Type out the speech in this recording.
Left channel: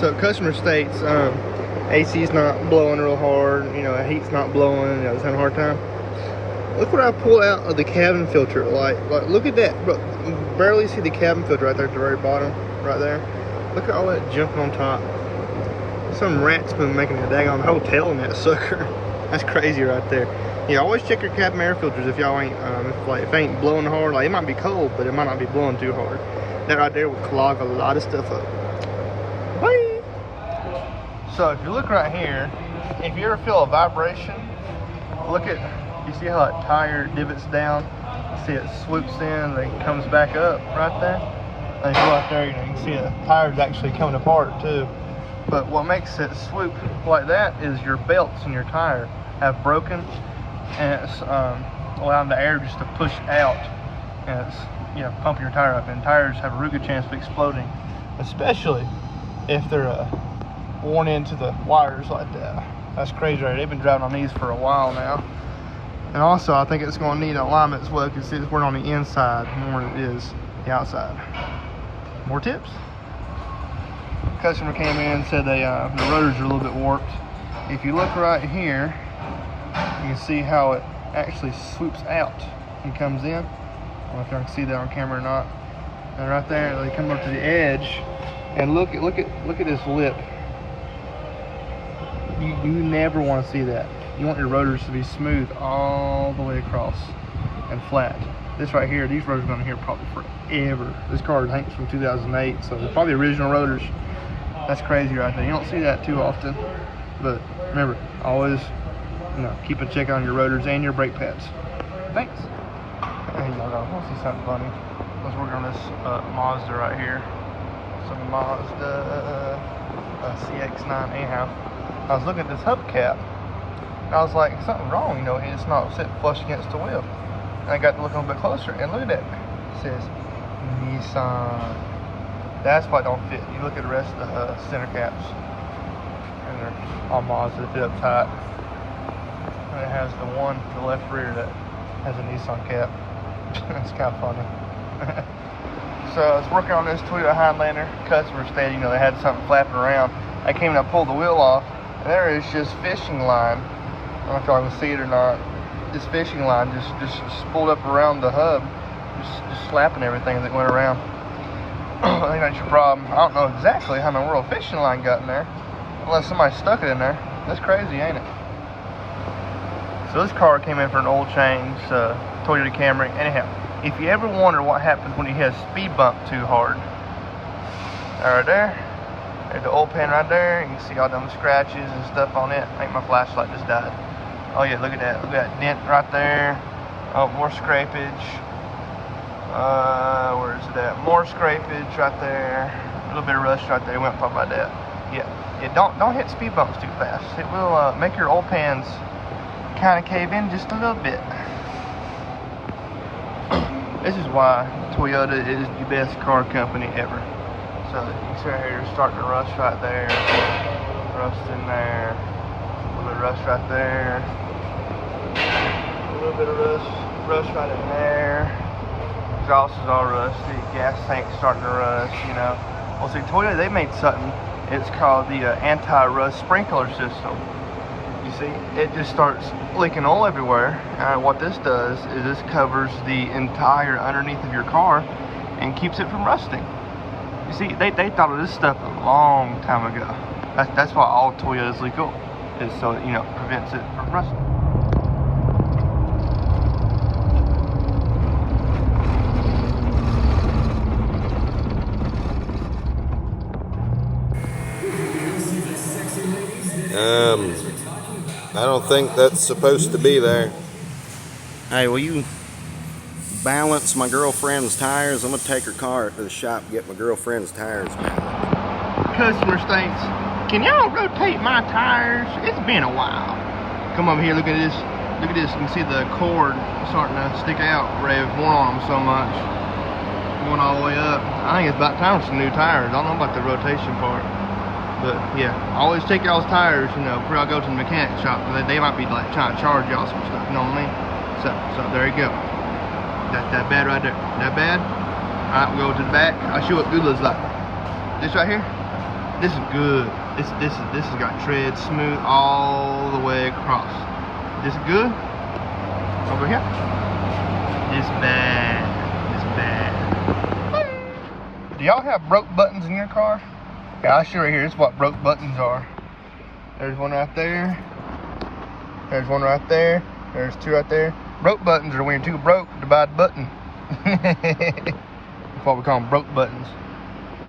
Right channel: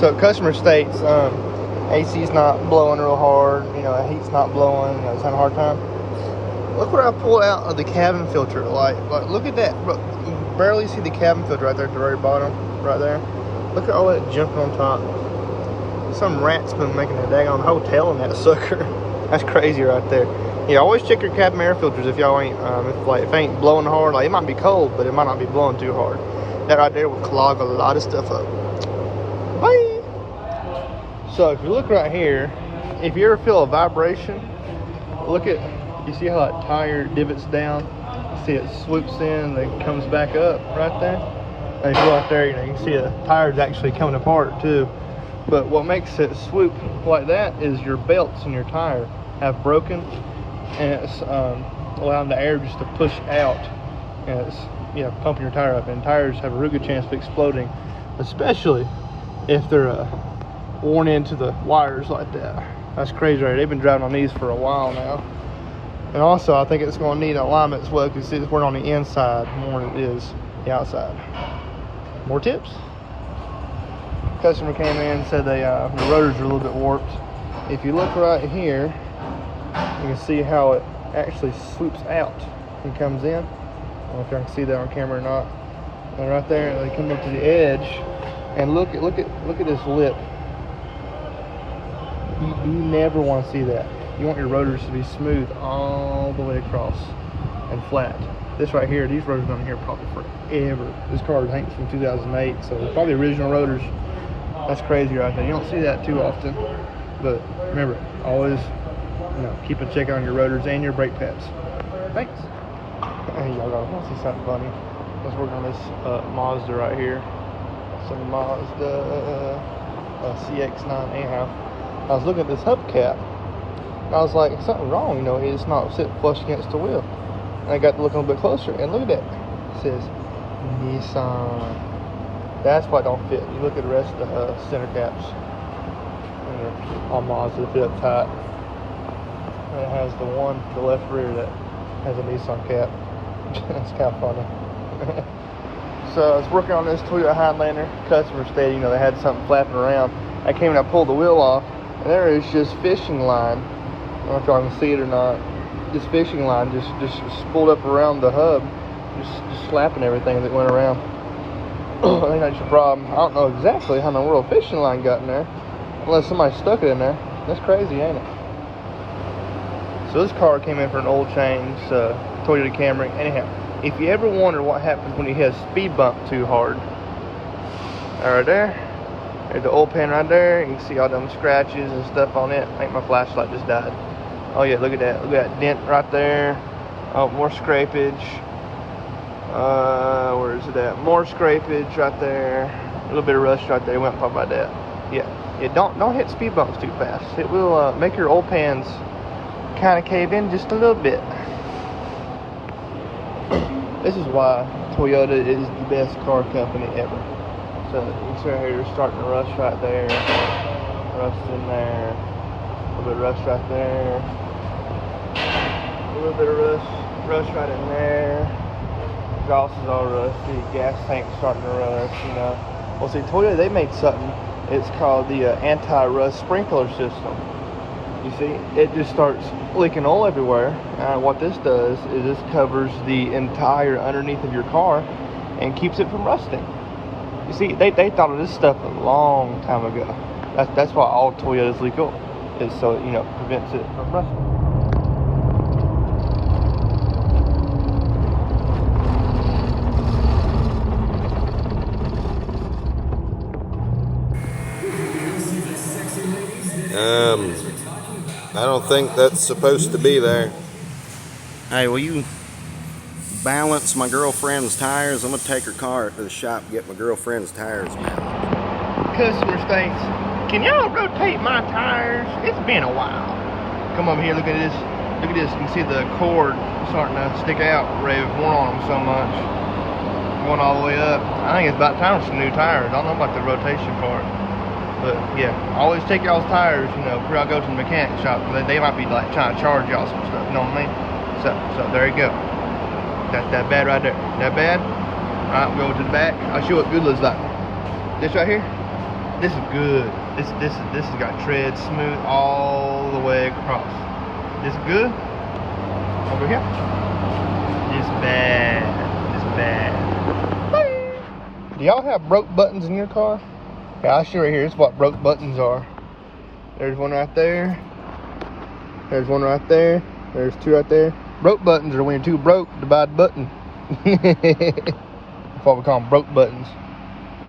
So customer states AC's not blowing real hard, you know, heat's not blowing, you know, it's having a hard time. Look what I pulled out of the cabin filter. Like look at that. Bro, you can barely see the cabin filter right there at the very bottom, right there. Look at all that junk on top. Some rat's been making a daggone hotel in that sucker. That's crazy right there. Yeah, always check your cabin air filters if y'all ain't, if it ain't blowing hard. Like, it might be cold, but it might not be blowing too hard. That right there will clog a lot of stuff up. Bye! So if you look right here, if you ever feel a vibration, look at, you see how that tire divots down? You see it swoops in, then comes back up right there? And if you look there, you know, you can see the tire's actually coming apart too. But what makes it swoop like that is your belts in your tire have broken, and it's allowing the air just to push out, and it's, you know, pumping your tire up. And tires have a real good chance of exploding, especially if they're worn into the wires like that. That's crazy, right? They've been driving on these for a while now. And also, I think it's going to need alignment as well, because it's working on the inside more than it is the outside. More tips. Customer came in and said the rotors are a little bit warped. If you look right here, you can see how it actually swoops out and comes in. I don't know if y'all can see that on camera or not. And right there, they come up to the edge, and look at this lip. You never want to see that. You want your rotors to be smooth all the way across and flat. This right here, these rotors have been here probably forever. This car I think is from 2008, so it's probably original rotors. That's crazy right there. You don't see that too often, but remember, always, you know, keep a check on your rotors and your brake pads. Thanks. I think y'all gonna see something funny. I was working on this Mazda right here. Some Mazda CX-9 anyhow. I was looking at this hubcap, and I was like, something wrong, you know, it's not sitting flush against the wheel. And I got to look a little bit closer, and look at that. It says Nissan. That's why it don't fit. You look at the rest of the center caps, and they're all Mazda, fit up tight. And it has the one for the left rear that has a Nissan cap. It's kind of funny. So I was working on this Toyota Highlander. Customer stated, you know, they had something flapping around. I came and I pulled the wheel off, and there is just fishing line. I don't know if y'all can see it or not. This fishing line just spooled up around the hub, just slapping everything as it went around. I think that's your problem. I don't know exactly how in the world fishing line got in there, unless somebody stuck it in there. That's crazy, ain't it? So this car came in for an oil change, Toyota Camry. Anyhow, if you ever wonder what happens when you hit a speed bump too hard, right there, there's the oil pan right there. You can see all them scratches and stuff on it. I think my flashlight just died. Oh yeah, look at that. Look at that dent right there. Oh, more scrapage. Where is it at? More scrapage right there. A little bit of rust right there. We won't talk about that. Yeah. Don't hit speed bumps too fast. It will make your oil pans kind of cave in just a little bit. This is why Toyota is the best car company ever. So you can see right here, you're starting to rust right there. Rust in there. A little bit of rust right there. A little bit of rust right in there. Exhaust is all rusty, gas tank's starting to rust, you know. Well, see, Toyota, they made something, it's called the anti-rust sprinkler system. You see, it just starts leaking oil everywhere, and what this does is this covers the entire underneath of your car and keeps it from rusting. You see, they thought of this stuff a long time ago. That's why all Toyotas leak oil, is so it, you know, prevents it from rusting. I don't think that's supposed to be there. Hey, will you balance my girlfriend's tires? I'm gonna take her car to the shop and get my girlfriend's tires balanced. Customer states, can y'all rotate my tires? It's been a while. Come over here, look at this. Look at this. You can see the cord starting to stick out where they've worn on them so much. Going all the way up. I think it's about time for some new tires. I don't know about the rotation part. But yeah, always take y'all's tires, you know, before y'all go to the mechanic shop. They might be like trying to charge y'all some stuff, you know what I mean? So there you go. That's that bad right there. That bad? Alright, we'll go to the back. I'll show you what good looks like. This right here, This is good. This has got tread smooth all the way across. This good? Over here. This bad. This bad. Do y'all have broke buttons in your car? Yeah, I'll show you right here. This is what broke buttons are. There's one right there. There's one right there. There's two right there. Broke buttons are when two broke, divide button. That's what we call them, broke buttons.